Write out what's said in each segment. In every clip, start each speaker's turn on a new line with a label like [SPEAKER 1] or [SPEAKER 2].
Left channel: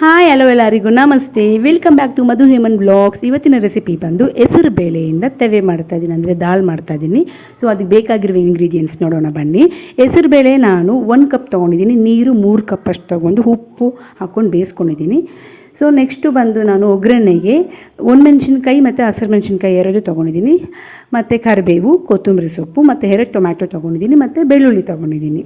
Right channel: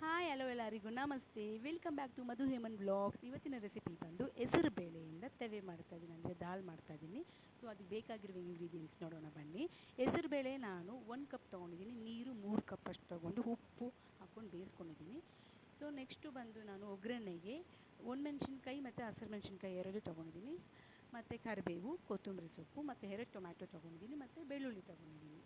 [SPEAKER 1] Hi hello ಎಲ್ಲರಿಗೂ. ನಮಸ್ತೆ. Welcome back to Madhu Heman blogs ಇವತ್ತಿನ ರೆಸಿಪಿ ಬಂದು ಹೆಸರು ಬೇಳೆಯಿಂದ ತವೆ ಮಾಡ್ತಾ ಇದ್ದೀನಿ, ಅಂದರೆ ದಾಲ್ ಮಾಡ್ತಾ ಇದ್ದೀನಿ. ಸೊ ಅದಕ್ಕೆ ಬೇಕಾಗಿರುವ ಇಂಗ್ರೀಡಿಯೆಂಟ್ಸ್ ನೋಡೋಣ ಬನ್ನಿ. ಹೆಸರು ಬೇಳೆ ನಾನು ಒಂದು ಕಪ್ ತೊಗೊಂಡಿದ್ದೀನಿ. ನೀರು ಮೂರು ಕಪ್ ಅಷ್ಟು ತೊಗೊಂಡು ಉಪ್ಪು ಹಾಕ್ಕೊಂಡು ಬೇಯಿಸ್ಕೊಂಡಿದ್ದೀನಿ. ಸೊ ನೆಕ್ಸ್ಟು ಬಂದು ನಾನು ಒಗ್ಗರಣೆಗೆ ಒಣಮೆಣ್ಸಿನ್ಕಾಯಿ ಮತ್ತು ಹಸಿರು ಮೆಣಸಿನ್ಕಾಯಿ ಎರಡು ತೊಗೊಂಡಿದ್ದೀನಿ. ಮತ್ತು ಕರಿಬೇವು, ಕೊತ್ತಂಬರಿ ಸೊಪ್ಪು ಮತ್ತು ಎರಡು ಟೊಮ್ಯಾಟೊ ತೊಗೊಂಡಿದ್ದೀನಿ. ಮತ್ತು ಬೆಳ್ಳುಳ್ಳಿ ತೊಗೊಂಡಿದ್ದೀನಿ.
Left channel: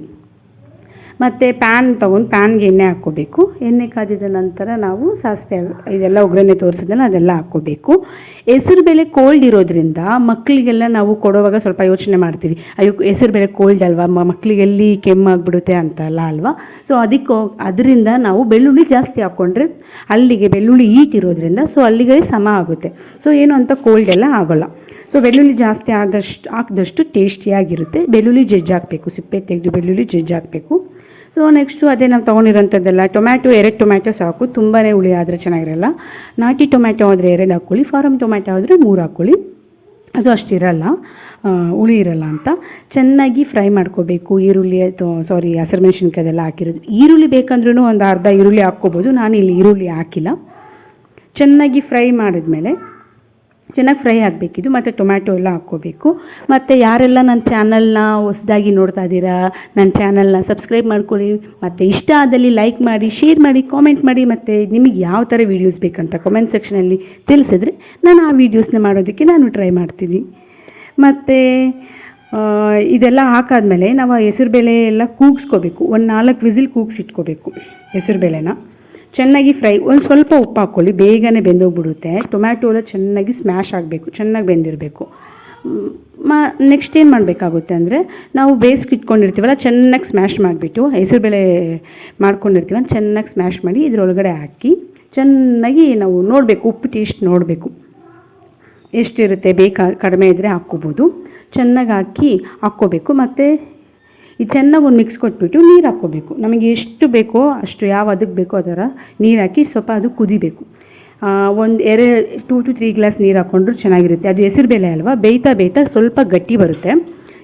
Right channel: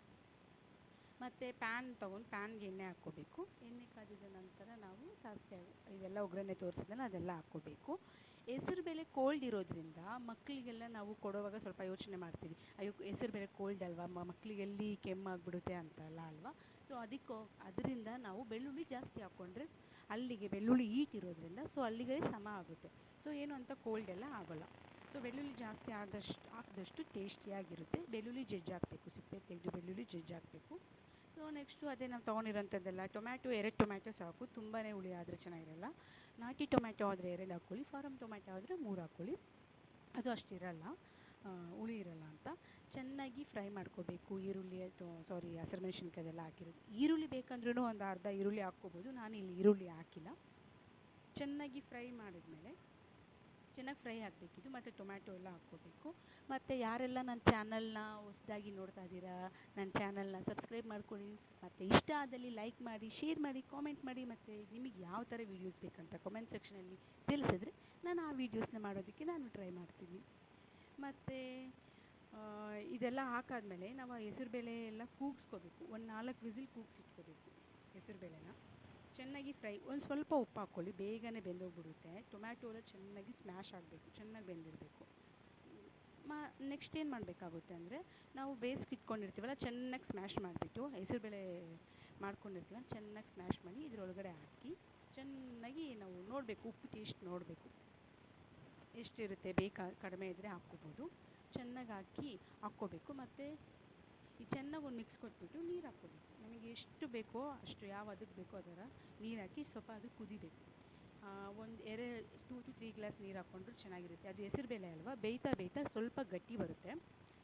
[SPEAKER 1] ಮತ್ತು ಪ್ಯಾನ್ ತೊಗೊಂಡು ಪ್ಯಾನ್ಗೆ ಎಣ್ಣೆ ಹಾಕ್ಕೋಬೇಕು. ಎಣ್ಣೆ ಕಾದಿದ ನಂತರ ನಾವು ಸಾಸಿವೆ ಇದೆಲ್ಲ ಒಗ್ಗರಣೆ ತೋರಿಸಿದ್ನಲ್ಲ ಅದೆಲ್ಲ ಹಾಕ್ಕೋಬೇಕು. ಹೆಸರುಬೇಳೆ ಕೋಲ್ಡ್ ಇರೋದ್ರಿಂದ ಮಕ್ಕಳಿಗೆಲ್ಲ ನಾವು ಕೊಡುವಾಗ ಸ್ವಲ್ಪ ಯೋಚನೆ ಮಾಡ್ತೀವಿ. ಅಯ್ಯೋ, ಹೆಸರು ಹೆಸರುಬೇಳೆ ಕೋಲ್ಡ್ ಅಲ್ವಾ? ಮಕ್ಕಳಿಗೆಲ್ಲಿ ಕೆಮ್ಮಾಗ್ಬಿಡುತ್ತೆ ಅಂತ ಅಲ್ಲ ಅಲ್ವಾ? ಸೊ ಅದಕ್ಕೆ ಅದರಿಂದ ನಾವು ಬೆಳ್ಳುಳ್ಳಿ ಜಾಸ್ತಿ ಹಾಕ್ಕೊಂಡ್ರೆ ಅಲ್ಲಿಗೆ ಬೆಳ್ಳುಳ್ಳಿ ಈಟ್ ಇರೋದ್ರಿಂದ ಸೊ ಅಲ್ಲಿಗೆ ಸಮ ಆಗುತ್ತೆ. ಸೊ ಏನು ಅಂತ ಕೋಲ್ಡ್ ಎಲ್ಲ ಆಗೋಲ್ಲ. ಸೊ ಬೆಳ್ಳುಳ್ಳಿ ಜಾಸ್ತಿ ಆದಷ್ಟು ಹಾಕಿದಷ್ಟು ಟೇಸ್ಟಿಯಾಗಿರುತ್ತೆ ಬೆಳ್ಳುಳ್ಳಿ ಜಜ್ಜಾಕಬೇಕು. ಸಿಪ್ಪೆ ತೆಗೆದು ಬೆಳ್ಳುಳ್ಳಿ ಜಜ್ಜಿ ಹಾಕಬೇಕು ಸೊ ನೆಕ್ಸ್ಟು ಅದೇ ನಾವು ತೊಗೊಂಡಿರೋಂಥದ್ದೆಲ್ಲ ಟೊಮ್ಯಾಟೊ ಎರಡು ಟೊಮ್ಯಾಟೊ ಸಾಕು. ತುಂಬಾ ಹುಳಿ ಆದರೆ ಚೆನ್ನಾಗಿರಲ್ಲ. ನಾಟಿ ಟೊಮ್ಯಾಟೊ ಆದರೆ ಎರಡು ಹಾಕ್ಕೊಳ್ಳಿ ಫಾರಮ್ ಟೊಮ್ಯಾಟೊ ಆದರೆ ಮೂರು ಹಾಕ್ಕೊಳ್ಳಿ. ಅದು ಅಷ್ಟಿರಲ್ಲ ಹುಳಿ ಇರಲ್ಲ ಅಂತ. ಚೆನ್ನಾಗಿ ಫ್ರೈ ಮಾಡ್ಕೋಬೇಕು. ಈರುಳ್ಳಿ ಸಾರಿ ಹಸಿರು ಮೆಣಸಿನ್ಕಾಯಿ ಅದೆಲ್ಲ ಹಾಕಿರೋದು. ಈರುಳ್ಳಿ ಬೇಕಂದ್ರೂ ಒಂದು ಅರ್ಧ ಈರುಳ್ಳಿ ಹಾಕ್ಕೋಬೋದು. ನಾನು ಇಲ್ಲಿ ಈರುಳ್ಳಿ ಹಾಕಿಲ್ಲ. ಚೆನ್ನಾಗಿ ಫ್ರೈ ಮಾಡಿದ್ಮೇಲೆ ಚೆನ್ನಾಗಿ ಫ್ರೈ ಆಗಬೇಕಿದು, ಮತ್ತು ಟೊಮ್ಯಾಟೊ ಎಲ್ಲ ಹಾಕ್ಕೋಬೇಕು. ಮತ್ತು ಯಾರೆಲ್ಲ ನನ್ನ ಚಾನಲ್ನ ಹೊಸದಾಗಿ ನೋಡ್ತಾ ಇದ್ದೀರಾ, ನನ್ನ ಚಾನಲ್ನ ಸಬ್ಸ್ಕ್ರೈಬ್ ಮಾಡ್ಕೊಳ್ಳಿ, ಮತ್ತು ಇಷ್ಟ ಆದಲ್ಲಿ ಲೈಕ್ ಮಾಡಿ, ಶೇರ್ ಮಾಡಿ, ಕಾಮೆಂಟ್ ಮಾಡಿ, ಮತ್ತು ನಿಮಗೆ ಯಾವ ಥರ ವೀಡಿಯೋಸ್ ಬೇಕಂತ ಕಾಮೆಂಟ್ ಸೆಕ್ಷನಲ್ಲಿ ತಿಳಿಸಿದ್ರೆ ನಾನು ಆ ವೀಡಿಯೋಸ್ನ ಮಾಡೋದಕ್ಕೆ ನಾನು ಟ್ರೈ ಮಾಡ್ತೀನಿ. ಮತ್ತು ಇದೆಲ್ಲ ಹಾಕಾದ್ಮೇಲೆ ನಾವು ಹೆಸರುಬೇಳೆ ಎಲ್ಲ ಕೂಗಿಸ್ಕೋಬೇಕು. ಒಂದು ನಾಲ್ಕು ವಿಸಿಲ್ ಕೂಗಿಸಿಟ್ಕೋಬೇಕು ಹೆಸರುಬೇಳೆನ. ಚೆನ್ನಾಗಿ ಫ್ರೈ, ಒಂದು ಸ್ವಲ್ಪ ಉಪ್ಪು ಹಾಕ್ಕೊಳ್ಳಿ, ಬೇಗನೆ ಬೆಂದೋಗ್ಬಿಡುತ್ತೆ. ಟೊಮ್ಯಾಟೊ ಎಲ್ಲ ಚೆನ್ನಾಗಿ ಸ್ಮ್ಯಾಶ್ ಆಗಬೇಕು, ಚೆನ್ನಾಗಿ ಬೆಂದಿರಬೇಕು. ಮಾ ನೆಕ್ಸ್ಟ್ ಏನು ಮಾಡಬೇಕಾಗುತ್ತೆ ಅಂದರೆ, ನಾವು ಬೇಯಿಸ್ಕೆ ಇಟ್ಕೊಂಡಿರ್ತೀವಲ್ಲ, ಚೆನ್ನಾಗಿ ಸ್ಮ್ಯಾಶ್ ಮಾಡಿಬಿಟ್ಟು ಹೆಸರುಬೇಳೆ ಮಾಡ್ಕೊಂಡಿರ್ತೀವಲ್ಲ, ಚೆನ್ನಾಗಿ ಸ್ಮ್ಯಾಶ್ ಮಾಡಿ ಇದರೊಳಗಡೆ ಹಾಕಿ, ಚೆನ್ನಾಗಿ ನಾವು ನೋಡಬೇಕು, ಉಪ್ಪು ಟೇಸ್ಟ್ ನೋಡಬೇಕು. ಎಷ್ಟಿರುತ್ತೆ, ಬೇಕಾ, ಕಡಿಮೆ ಇದ್ದರೆ ಹಾಕ್ಕೋಬೋದು. ಚೆನ್ನಾಗಿ ಹಾಕಿ ಹಾಕ್ಕೋಬೇಕು. ಮತ್ತು ಈ ಚೆನ್ನಾಗಿ ಒಂದು ಮಿಕ್ಸ್ ಕೊಟ್ಬಿಟ್ಟು ನೀರು ಹಾಕ್ಕೋಬೇಕು. ನಮಗೆ ಎಷ್ಟು ಬೇಕೋ ಅಷ್ಟು ಯಾವ ಅದಕ್ಕೆ ಬೇಕೋ ಅದರ ನೀರು ಹಾಕಿ ಸ್ವಲ್ಪ ಅದು ಕುದಿಬೇಕು. ಒಂದು ಎರಡು ಟೂ ಟು ತ್ರೀ ಗ್ಲಾಸ್ ನೀರು ಹಾಕ್ಕೊಂಡ್ರು ಚೆನ್ನಾಗಿರುತ್ತೆ. ಅದು ಹೆಸರುಬೇಳೆ ಅಲ್ವಾ? ಬೇಯ್ತಾ ಬೇಯ್ತಾ ಸ್ವಲ್ಪ ಗಟ್ಟಿ ಬರುತ್ತೆ.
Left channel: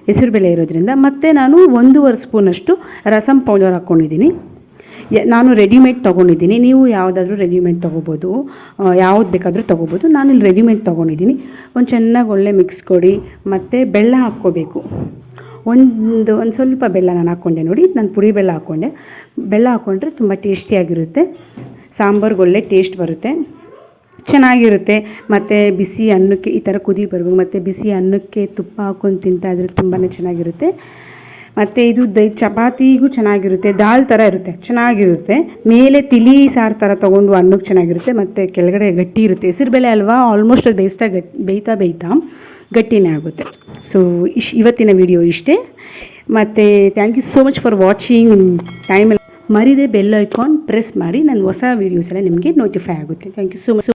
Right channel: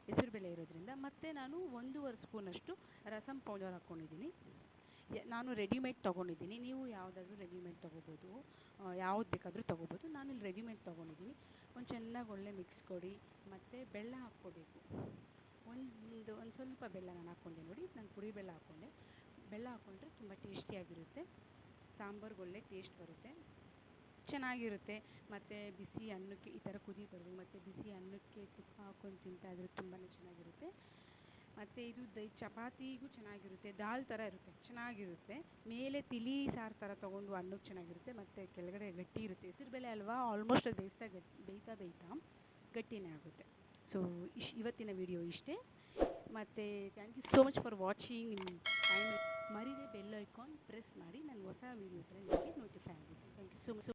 [SPEAKER 1] ಹೆಸರುಬೇಳೆ ಇರೋದ್ರಿಂದ. ಮತ್ತು ನಾನು ಒಂದೂವರೆ ಸ್ಪೂನಷ್ಟು ರಸಂ ಪೌಡರ್ ಹಾಕ್ಕೊಂಡಿದ್ದೀನಿ ನಾನು ರೆಡಿಮೇಡ್ ತೊಗೊಂಡಿದ್ದೀನಿ. ನೀವು ಯಾವುದಾದ್ರೂ ರೆಡಿಮೇಡ್ ತೊಗೋಬೋದು. ಯಾವ್ದು ಬೇಕಾದರೂ ತೊಗೋಬೋದು. ನಾನು ಇಲ್ಲಿ ರೆಡಿಮೇಡ್ ತೊಗೊಂಡಿದ್ದೀನಿ. ಒಂದು ಚೆನ್ನಾಗಿ ಒಳ್ಳೆ ಮಿಕ್ಸ್ ಕೊಡಿ. ಮತ್ತು ಬೆಲ್ಲ ಹಾಕ್ಕೋಬೇಕು. ಒಂದು ಒಂದು ಸ್ವಲ್ಪ ಬೆಲ್ಲ ನಾನು ಹಾಕ್ಕೊಂಡೆ ನೋಡಿ, ನಾನು ಪುಡಿ ಬೆಲ್ಲ ಹಾಕ್ಕೊಂಡೆ. ಬೆಲ್ಲ ಹಾಕ್ಕೊಂಡ್ರೆ ತುಂಬ ಟೇಸ್ಟಿಯಾಗಿರುತ್ತೆ. ಸಾಂಬಾರ್ಗೆ ಒಳ್ಳೆ ಟೇಸ್ಟ್ ಬರುತ್ತೆ. ಚೆನ್ನಾಗಿರುತ್ತೆ. ಮತ್ತು ಬಿಸಿ ಅನ್ನಕ್ಕೆ ಈ ಥರ ಕುದಿ ಬರ್ಬೇಕು ಮತ್ತು ಬಿಸಿ ಅನ್ನಕ್ಕೆ ತುಪ್ಪ ಹಾಕ್ಕೊಂಡು ತಿಂತಾ ಇದ್ರೆ ತುಂಬಾ ಚೆನ್ನಾಗಿರುತ್ತೆ. ಮತ್ತು ಇದು ದೈ, ಚಪಾತಿಗೂ ಚೆನ್ನಾಗಿರುತ್ತೆ. ದಾಲ್ ಥರ ಇರುತ್ತೆ. ಚೆನ್ನಾಗಿರುತ್ತೆ. ಮೇಲೆ ತಿಳಿ ಸಾರು ಥರ ತೊಗೊಂಡು ಅನ್ನಕ್ಕೆ ಚೆನ್ನಾಗಿರುತ್ತೆ. ಮತ್ತು ಕೆಳಗಡೆ ಗಟ್ಟಿ ಇರುತ್ತೆ. ಹೆಸರು ಹೆಸರುಬೇಳೆ ಅಲ್ವಾ? ಆಲ್ಮೋಸ್ಟ್ ಅದು ಬೇಯಿಸ್ತಾ ಗಟ್, ಬೇಯ್ತಾ ಬೇಯ್ತಾ ಗಟ್ಟಿನೇ ಆಗುತ್ತೆ. ಸೊ ಇಶ್ ಇವತ್ತಿನ ವಿಡಿಯೋ ಇಷ್ಟೇ. ಮತ್ತು thank you so much for watching ಟೈಮಲ್ಲಿ ಮರಿದೆ ಬೆಲ್ ಐಕಾನ್ ಪ್ರೆಸ್ ಮಾಡಿ. ನನ್ನ ಹೊಸ ವೀಡಿಯೋಸ್ ಎಲ್ಲ ನಿಮಗೆ ನೋಟಿಫೈ ಆಗುತ್ತೆ. Thank you so much